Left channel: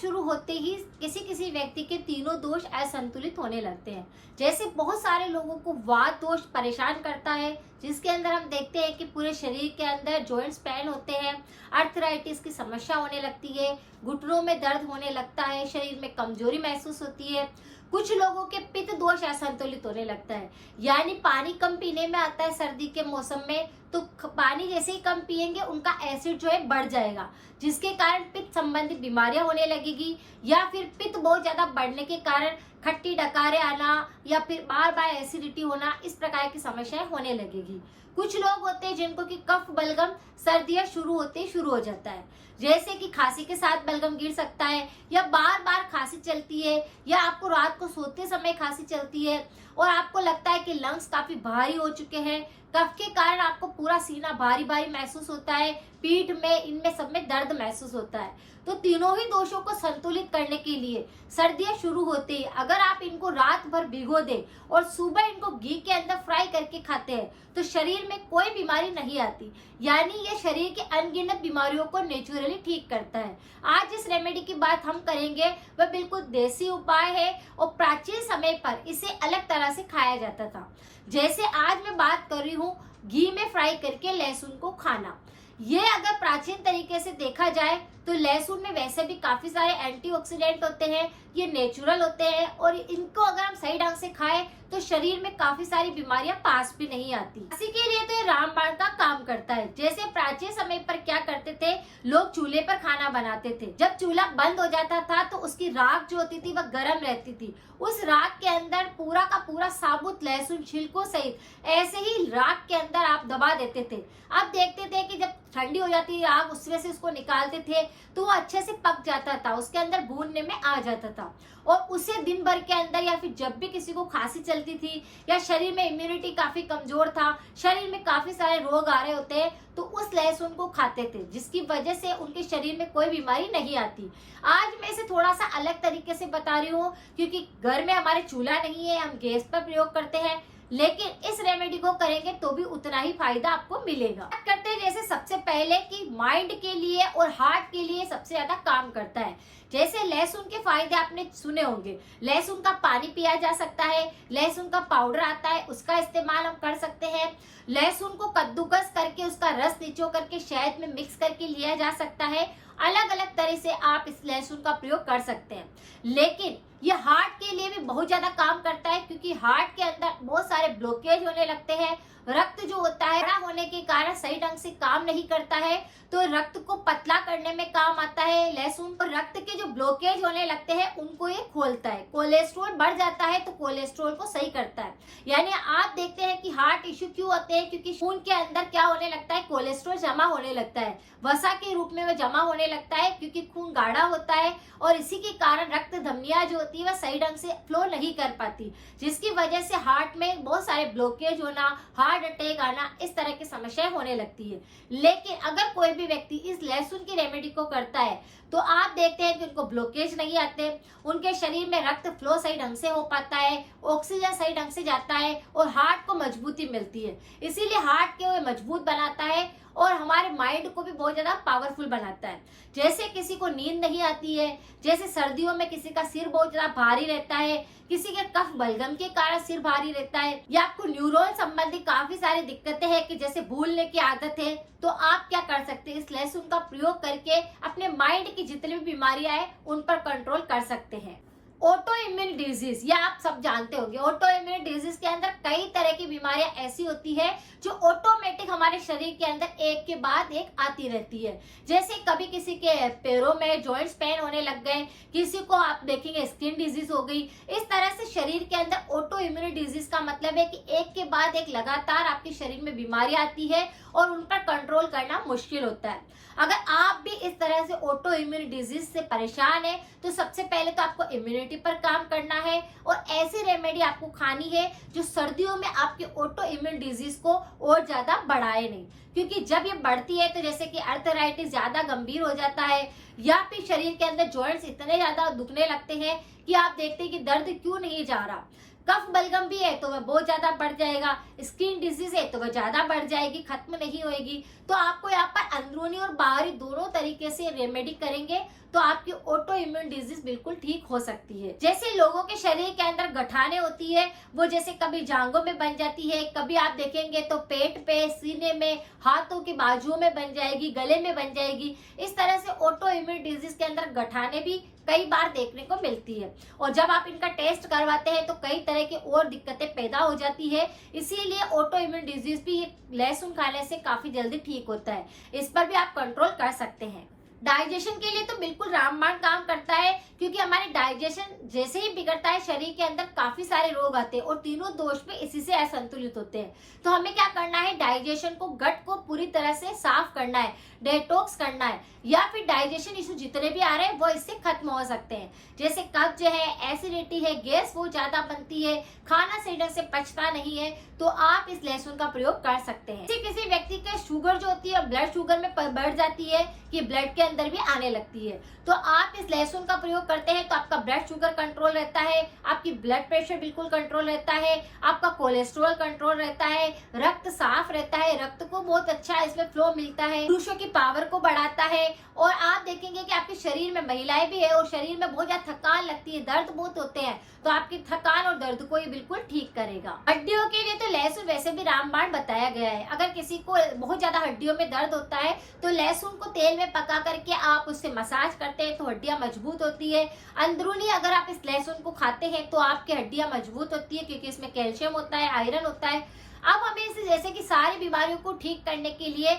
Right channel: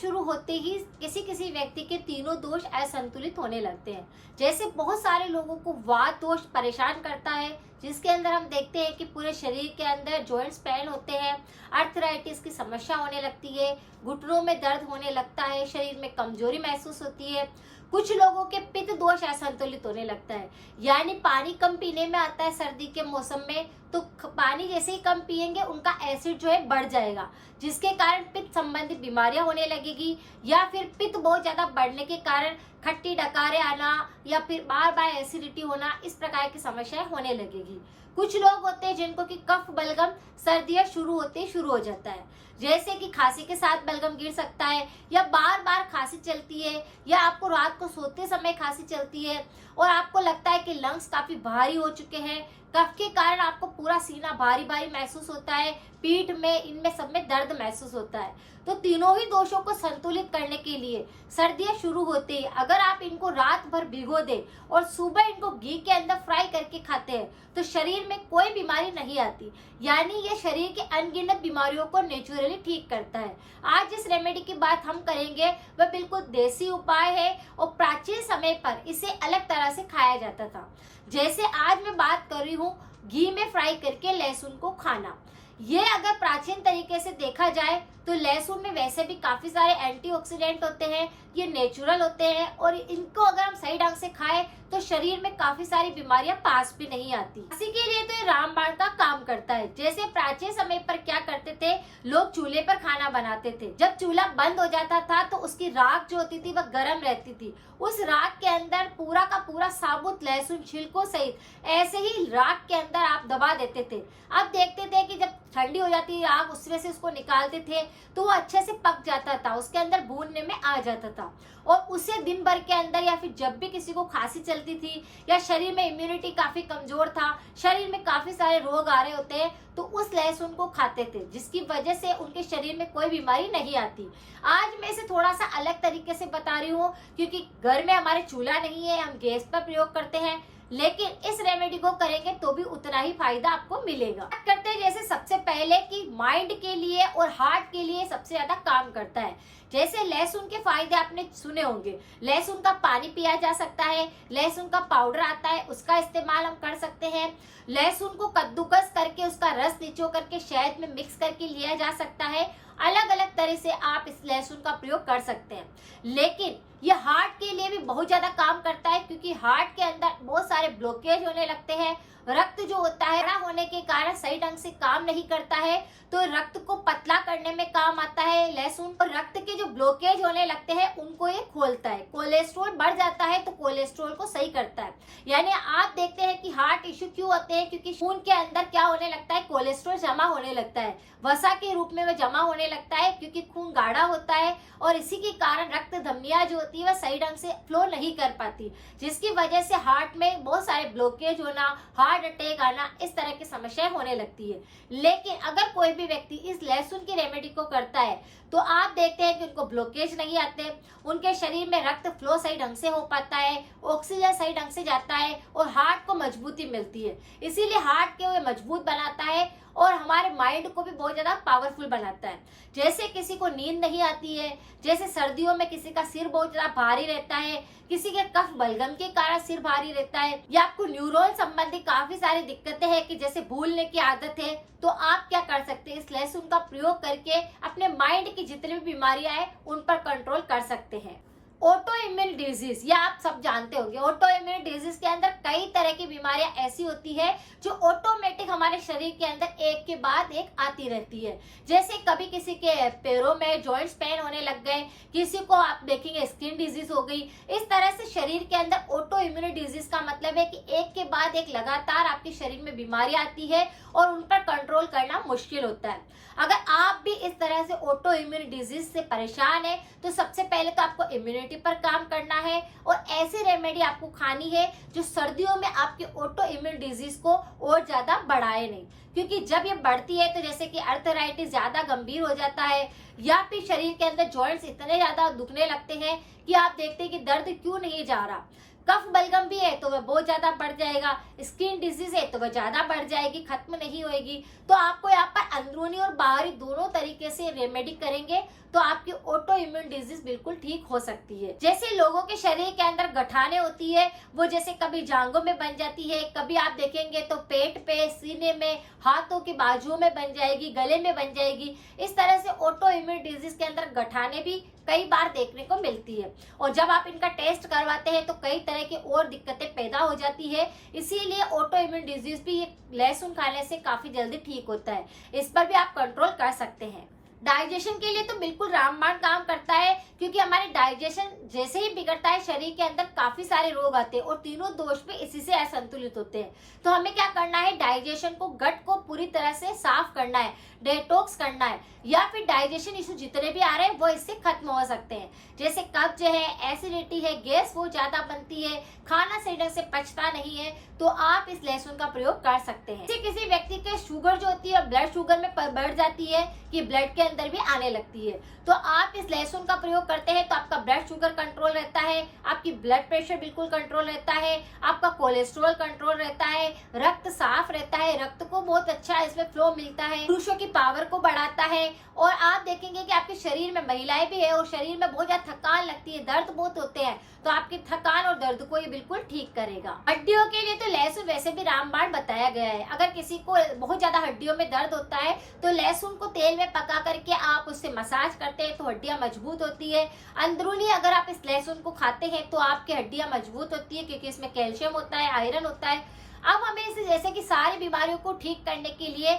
शुरू होते ही किसी किसी व्यक्ति के तीनों दोष असंतुलित होने लगते हैं। जैसे बहुत सारे लोगों को वात दोष परेशान करता है, जिसके अंदर हम देखते हैं कि पूरे शरीर के अंदर जॉइंट्स पेन होते हैं, अर्थराइटिस की समस्या होने लगती है, घुटनों में दर्द होने लगता है, शरीर में कमजोरी महसूस होती है। कुछ लोगों के पित्त दोष असंतुलित होने लगता है, यानी पानी कम पीने में आता है सर्दी के मौसम में, तो पानी जैसे ही कम पिएंगे उनका एसिड जो है बढ़ जाएगा, जिसके कारण पित्त संबंधी बीमारियां होने लगेगी। या फिर पित्त बहुत ज्यादा बढ़ने के कारण खट्टी डकारे आना या फिर बार बार एसिडिटी होना, इस प्रकार की समस्याएं होने लगेगी। कुछ लोग होते हैं जिनको कि कफ बलगम सर्दियां शुरू होते ही शुरू हो जाता है, जैसे कि खांसी के साथ बलगम गिर सकता है, या बार बार खांसी चलती है, या आपको रात को सोते समय खांसी चलती है और आपको लगता है कि लंग्स काफी भारी हो चुके हैं। कफ के कारण आपको पूरा सीना भारी भारी महसूस होता है, पीठ में, इनमें सब में दर्द महसूस होता है। तो तीनों ही दोषों को संतुलित करने के लिए सर्दियां शुरू होते ही अगर आप इनको रात भर भिगो दें और सुबह इनको घी के अंदर फ्राई करके खाते हैं तो शरीर में कोई बीमारी नहीं आती, यानी ये शरीर के अनगिनत बीमारियों को नेचुरली ठीक करता है। आज जिस रेमेडी की बात हम करेंगे वह बिल्कुल देसी उपाय है और प्राचीन समय पर इसे अलग तरह से खाया जाता था। जैसे आज मैं बात कर रही हूँ घी में फ्राई करके लहसुन को खाना। ये अगर प्राचीन तरीके से देखा जाए तो लहसुन में वैसे भी काफी सारे एंटीऑक्सीडेंट होते हैं, ये नेचुरल होते हैं और इनको अगर हम सही ढंग से खाएं तो शरीर में काफी सारी बीमारियां पास भी नहीं आती। इसी के लिए तो ये रामबाण का काम करता है। जैसे प्राचीन समय पर क्या करते थे, लोग चूल्हे पर खाना बनाते थे। जब चूल्हा बंद हो जाता था तो उसकी राख जो होती थी वह गर्म रहती थी। उस राख के अंदर पूरा का पूरा साबुत लहसुन छिलकों सहित ऐसे ही राख के अंदर आप दबा देते थे। अब देखते थे कि जब ठंडी हो जाती राख उसमें से उसको निकालते थे तो वो अच्छे से पक जाता था, उसके अंदर भूनने में आ जाता था। और उसे दिन भर के अंदर या फिर जब भी किसी को खांसी चलती थी या शरीर में इम्यूनिटी काफी कमजोर था, शरीर में काफी सारे रोग आ रहे होते हैं, तो उस लहसुन को खाते थे, जिसकी वजह से उनके शरीर में कोई बीमारी नहीं आती। आज मैं इसे थोड़ा सा अलग तरीके से बता रही हूँ क्योंकि घर में हमारे चूल्हा नहीं है, हम गैस पर प्रयोग करते हैं, लेकिन इस रेमेडी को करेंगे तो भी उतना ही फायदा आपको मिलेगा। बात करते हैं जैसे सबसे पहले कि माइंड के लिए और हार्ट के लिए सबसे ज्यादा काम करता है। जैसे लहसुन के फायदे आपने सुने होंगे, लहसुन का पानी पिया जा सकता है, लहसुन का पाउडर आता है उसका इस्तेमाल हम कर सकते हैं, लहसुन को कद्दूकस करके उसका रस निचो करके शहद में मिक्स करके लिया जा सकता है। अलग अलग तरह से आप इस लहसुन का प्रयोग कर सकते हैं। लेकिन ये हार्ट के लिए भी बहुत ज्यादा काम करता है क्योंकि हार्ट के अंदर बहुत सारे ब्लॉकेज होने लगते हैं। रक्त जो होता है बड़ा होने के कारण सही ढंग से काम नहीं करता है, तो रक्त को पतला करने में काम आता है लहसुन। और रक्त के जो ब्लॉकेज होने लगते हैं उनको ये खोलता है। कोलेस्ट्रॉल बढ़ जाता है तो कोलेस्ट्रॉल को सही करता है। यानी आप देखते हैं कि हार्ट इश्यू क्यों होते हैं, क्योंकि खून के अंदर क्या होने लगता है, कोलेस्ट्रॉल जमा होने लगता है, वसा के रूप में वह जमा होने लगता है क्योंकि खून गाढ़ा होता है और इसी के कारण रक्त धमनियां जो होती है वह सही ढंग से फ्लो नहीं कर पाती, जिसकी वजह से हार्ट में बहुत सारे ब्लॉकेज होना, हार्ट अटैक आना, इस तरह की समस्याएं होने लगती है। लेकिन अगर कोई भी व्यक्ति इस लहसुन की रेमेडी को करता है तो आप देखते हैं कि उनको ब्लॉकेज नहीं आते, उनके शरीर में रक्त फ्लो सही ढंग से हो पाता है, ऑक्सीजन सही ढंग से जाता है और हार्ट को मजबूती मिलती है। इसीलिए हार्ट के वो मजबूत बनाता है और हमारे माइंड को भी बहुत ज्यादा पावरफुल बनाता है। जैसे किसी को नींद नहीं आती है, जैसे सर्दियों में किसी का सिर बहुत ज्यादा भारी रहता है, किसी के कफ बलगम के कारण सिर भारी रहता है, या आपको न्यूरॉन संबंधी काफी सारी दिक्कतें हैं कि जैसे भूलने की आदत है, तो आप क्या कर सकते हैं, इस लहसुन का प्रयोग करके अपने माइंड की जितनी भी बीमारियां हैं उन पर कंट्रोल कर सकते हैं। ऑटो इम्यून डिजीज, या आप सब जानते होंगे, ऑटो इम्यून डिजीज के अंदर कई तरह की बीमारियां ऐसी होती है जो ऑटोमेटिक हमारे शरीर के अंदर एक के बाद एक आती रहती है। जैसे कभी किसी के पैरों में जॉइंट्स पेन होने लग गए, किसी को आप देखेंगे स्किन डिजीज हो गई। इस तरह से शरीर के अंदर ऑटो इम्यून डिजीज का मतलब है कि एक के बाद एक लगातार आपके शरीर में बीमारियां आती है और उन पर कंट्रोल करना मुश्किल होता है। अगर आप भी इस तरह से ऑटो इम्यून डिजीज से परेशान है तो सबसे पहले तो आपको इम्यूनिटी पर काम करना है और ऐसी रेमेडी आपको खानी है जो सर्दियों में आपके ऑटो इम्यून डिजीज को और ज्यादा बढ़ाए नहीं, क्योंकि जब ये बढ़ती है तो जैसे कि अर्थराइटिस ज्यादा गंभीर हो जाता है, या फिर शरीर के अंदर जॉइंट्स इतने ज्यादा दुखने लगते हैं कि आप देखते हैं कि दर्द क्यों नहीं जा रहा। कफ बलगम भी है तो वह बहुत ज्यादा बढ़ जाएगा, स्किन डिजीज है तो वह ज्यादा बढ़ जाएगी, खत्म नहीं होएगी। तो आपको यहाँ पर अंदरूनी और बाहरी दोनों तरीके से रेमेडी करेंगे तो आपकी ऑटो इम्यून डिजीज बिल्कुल ठीक हो सकती है। जैसे लोगों के शरीर के अंदर गठाने होती है, वो जैसे कभी जांघों में बन जाती है, कभी आप देखेंगे तो पेट पे, सीने में, हाथों की बाजुओं में बन जाएगी, गले में बन जाएगी। इस तरह से ऑटो इम्यून डिजीज के अंदर गठाने भी कई बार देखने को मिलती है और जब आप इनका टेस्ट करवाते हैं तो कई तरह की और दिक्कतें पैदा हो जाती है। इसीलिए ऑटो इम्यून डिजीज भी लहसुन खाने से काफी जल्दी ठीक होता है। इस पर भी आप कंट्रोल कर सकते हैं। डाइजेशन के लिए तो बिल्कुल रामबाण काम करता है, क्योंकि हमारे डाइजेशन जैसे ही बिगड़ता है शरीर के अंदर काफी सारे रोग आते हैं और तीनों दोष भी इसी से असंतुलित होते हैं। तो हमें क्या करना है, डाइजेशन को, गट को पूरी तरह से साफ करना है, डेटॉक्स करना है, या फिर डाइजेशन इशू जितने भी आ रहे हैं वो इससे खत्म हो सकते हैं। जैसे कब्ज है, एसिडिटी है, गैस बहुत ज्यादा बनती है, खाना सही ढंग से पचता नहीं है, तो आप इस लहसुन का प्रयोग कर सकते हैं। किसी व्यक्ति के शुगर जो होती है ब्लड शुगर में बढ़ जाती है कि ब्लड के अंदर भी आने लगती है, तो आप इस लहसुन का प्रयोग करते हैं तो आपका ब्लड शुगर कंट्रोल रहता है, आपकी ब्लड प्रेशर बिल्कुल कंट्रोल रहता है, आपका कोलेस्ट्रॉल कंट्रोल रहता है, रक्त साफ रहता है, रक्त को बहुत अच्छा इसमें फ्लो मिलता है, पुरुषों की पावर को बढ़ाता है। और आप देखेंगे कि आपके शरीर में, महिलाएं भी है और शरीर में बहुत ज्यादा थकान लगती है, दर्द बहुत होते हैं, तो आपकी थकान और दर्द को ये बिल्कुल ठीक करेगा। हड्डियों के लिए तो लहसुन वैसे भी रामबाण बताया गया है। अगर किसी को बहुत ज्यादा हड्डियों में दर्द होता है तो लहसुन को तेल में पका करके आप उससे मसाज करते हैं तो हड्डियां मजबूत होती है। अंदरूनी अगर आप इस लहसुन को खाते हैं तो आपकी हड्डियां मजबूत होती है, क्योंकि इसमें कैल्शियम होता है, आयरन होता है। अब हमें इसे, जैसे कि सारी बीमारियों को ठीक करने के लिए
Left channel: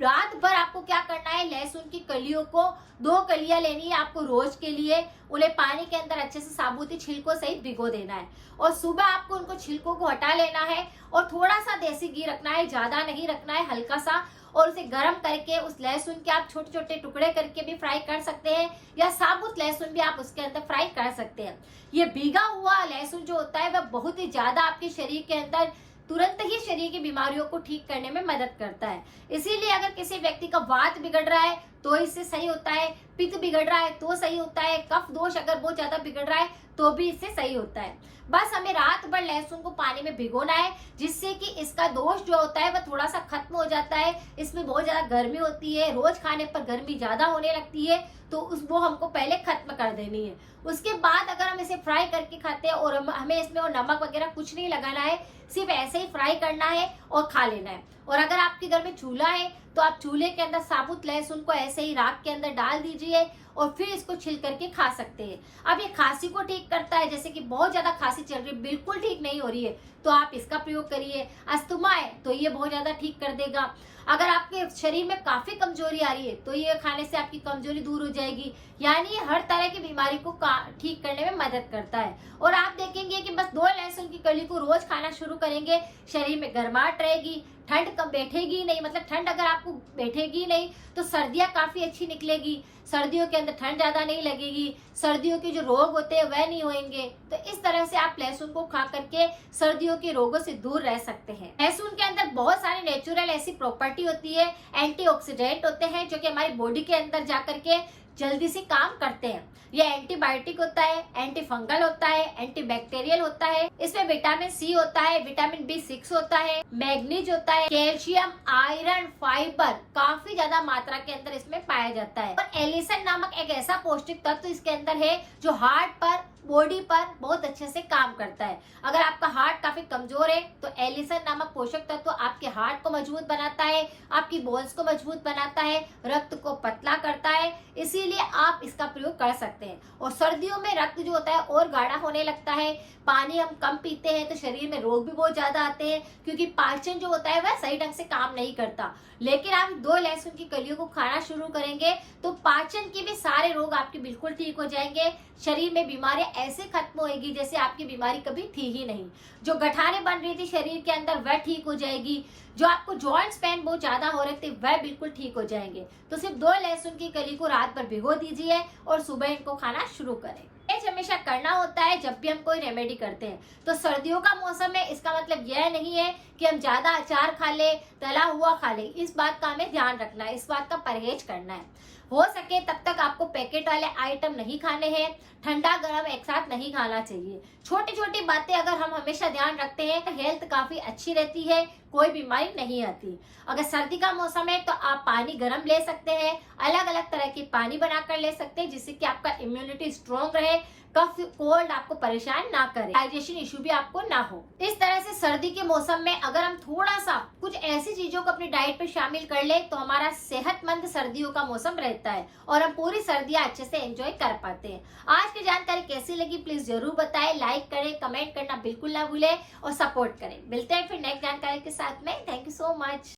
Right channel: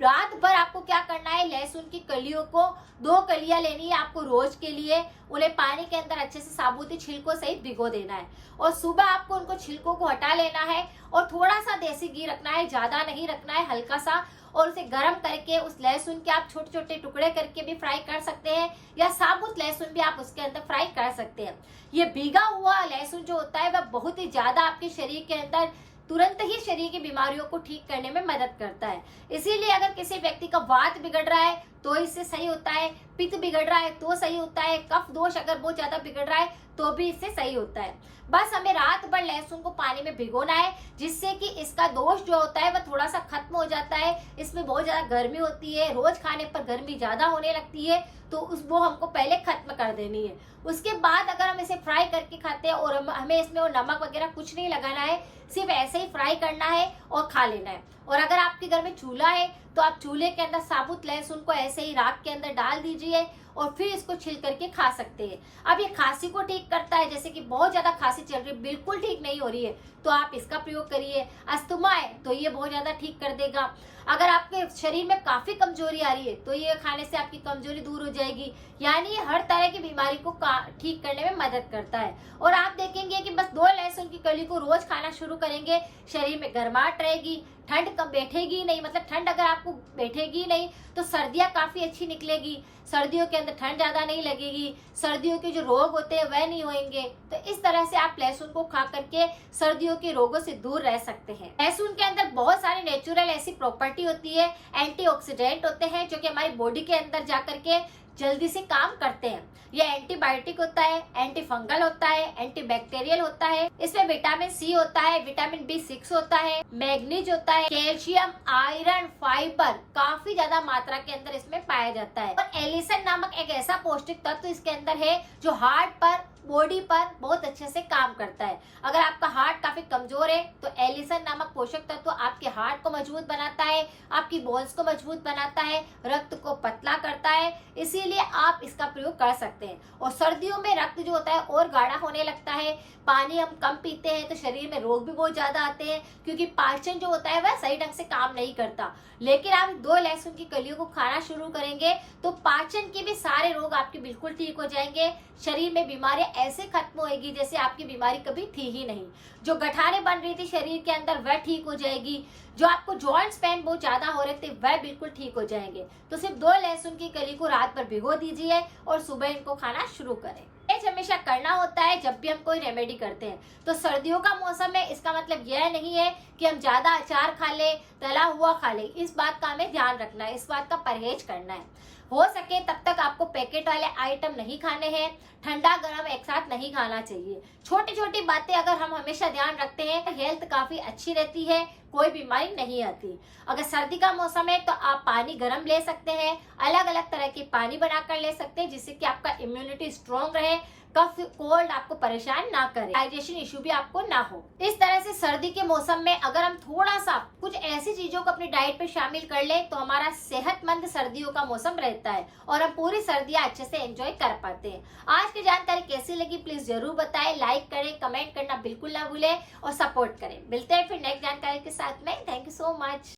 रात भर आपको क्या करना है, लहसुन की कलियों को 2 कलियां लेनी है आपको रोज के लिए, उन्हें पानी के अंदर अच्छे से साबुती छिलकों सहित भिगो देना है और सुबह आपको उनको छिलकों को हटा लेना है और थोड़ा सा देसी घी रखना है, ज्यादा नहीं रखना है, हल्का सा, और उसे गर्म करके उस लहसुन के आप छोटे छोटे टुकड़े करके भी फ्राई कर सकते हैं या साबुत लहसुन भी आप उसके अंदर फ्राई कर सकते हैं। ये भीगा हुआ लहसुन जो होता है वह बहुत ही ज्यादा आपके शरीर के अंदर तुरंत ही शरीर की बीमारियों को ठीक करने में मदद करता है। इसीलिए अगर किसी व्यक्ति का वात बिगड़ रहा है तो इससे सही होता है, पित्त बिगड़ रहा है तो सही होता है, कफ दोष अगर बहुत ज्यादा बिगड़ रहा है तो भी इससे सही होता है। बस हमें रात भर लहसुन को पानी में भिगोना है, जिससे कि इसका दोष जो होता है वह थोड़ा सा खत्म हो जाता है। इसमें बहुत ज्यादा गर्मी होती है, रोज खाने पर गर्मी ज्यादा होने लगती है, तो वो हमको पहले खत्म कर देनी है। उसके बाद अगर हम इसे फ्राई करके खाते हैं और हमें इसमें और नमक वगैरह कुछ नहीं लगाना है, सिर्फ ऐसे ही फ्राई करना है और खा लेना है। और अगर आपके घर में चूल्हा है तो आप चूल्हे के अंदर साबुत लहसुन को ऐसे ही राख के अंदर डाल दीजिए और फिर इसको छिल करके खा सकते हैं। अब ये खांसी को ठीक करता है, जैसे कि बहुत ज्यादा खांसी चल रही है, बिल्कुल ठीक नहीं हो रही है, तो आप इसका प्रयोग करिए। अस्थमा है तो ये बहुत ज्यादा ठीक कर देगा। अगर आपके शरीर में काफी कमजोरी आ रही है तो ये खाने से आपकी कमजोरी दूर हो जाएगी। यानी ये हर तरह की बीमारी को ठीक करने में मदद करता है। और आप देखेंगे कि बस 2 लहसुन की कली को रोज खाना शुरू करेंगे, शरीर में गर्माहट रहेगी, ठंड कम बैठेगी नहीं, मतलब ठंड अगर आपको बैठेगी नहीं तो सर्दियां काफी अच्छी निकलेगी, सर्दियों के अंदर ठंड ज्यादा नहीं लगेगी, सर्दियों के जो रोग होते हैं वह नहीं होंगे। तो इस तरह से आप लहसुन को खा करके सर्दियों के रोगों से दूर रह सकते हैं। लहसुन के अंदर बहुत सारी नेचुरल ऐसी प्रॉपर्टी होती है, एंटीऑक्सीडेंट होते हैं जो कि हमारी बॉडी के अंदर जाकर के जल्दी से काम करते हैं। ये एंटीबायोटिक होता है, एंटी फंगल होता है, एंटी बैक्टीरियल होता है, इसमें विटामिन सी होता है, विटामिन B6 होता है, मैग्नीज होता है, कैल्शियम, आयरन, फाइबर काफी ज्यादा मात्रा के अंदर इसमें पाया जाता है। और एलिसन नामक एक ऐसा पौष्टिक तत्व इसके अंदर है जो हार्ट पर, बॉडी पर बहुत अच्छे से काम करता है। अगर आपका हार्ट काफी कमजोर है तो एलिसन नामक पोषक तत्व आपके हार्ट को मजबूत बनाता है, आपकी बोन्स को मजबूत बनाता है, रक्त को पतला करता है, इसीलिए आप इसका प्रयोग कर सकते हैं। और सर्दियों में रक्त जो होता है और गाढ़ा होने लगता है, पानी हम कम पीते हैं तो शरीर में रोग भी बहुत ज्यादा आते हैं, क्योंकि पाचन जो होता है वह सही ढंग से काम नहीं करता। लेकिन आप 2 लहसुन की कलियों को खाना शुरू करेंगे तो पाचन के भी सारे रोग आपके बिल्कुल ठीक हो जाएंगे, शरीर में बीमारियां ऐसे खत्म होएगी जैसे आपकी बीमारी कभी थी ही नहीं। जो गठाने बन रही थी शरीर के अंदर वह ठीक हो जाएगी, जो आपको जॉइंट्स पेन बहुत ज्यादा हो रहे थे वह बिल्कुल ठीक हो जाएंगे। तो सिर्फ 2 लहसुन की कली को रात भर भिगो दीजिए और सुबह इनको खाना शुरू करें। परहेज हमेशा करना होता है जब भी हम कोई रेमेडी करते हैं। तो सर्दियों का मौसम है, इसका मतलब यह नहीं है कि हम ज्यादा अचार खा ले, तला हुआ खा ले। इस बात का हमें ध्यान रखना है, इस बात का परहेज करना है। हो सके तब तक आपको पैकेट वाले आइटम नहीं खाने हैं, ठंडा गर्म एक साथ नहीं खाना चाहिए। छोटी छोटी बातें अगर हम हमेशा ध्यान रखते हैं तो हेल्थ काफी अच्छी रहती है, कोई बीमारी नहीं आती। अगर सर्दी का मौसम है तो आप पानी गर्म ले सकते हैं, अलग अलग तरह की पानी बनाकर ले सकते हैं, जिससे कि आपका इम्यूनिटी स्ट्रॉन्ग रहे, कफ कोल्ड आपको परेशान ना करे, डाइजेशन इश्यू भी आपको ना हो। इस तरह से सर्दी के मौसम में अगर हम थोड़ा सा कुछ ऐसी चीजों को अपनी डाइट पे शामिल कर ले तो हमारा सेहतमंद सर्दियों का मौसम रहता है और हम पूरी सर्दियां अच्छे से एंजॉय कर पाते हैं। आज की जानकारी कैसी लगी प्लीज जरूर बताएं, लाइक करें, कमेंट करना बिल्कुल ना भूलें और सपोर्ट करें। मिलते हैं फिर नेक्स्ट जानकारी के साथ में। Thank you so much.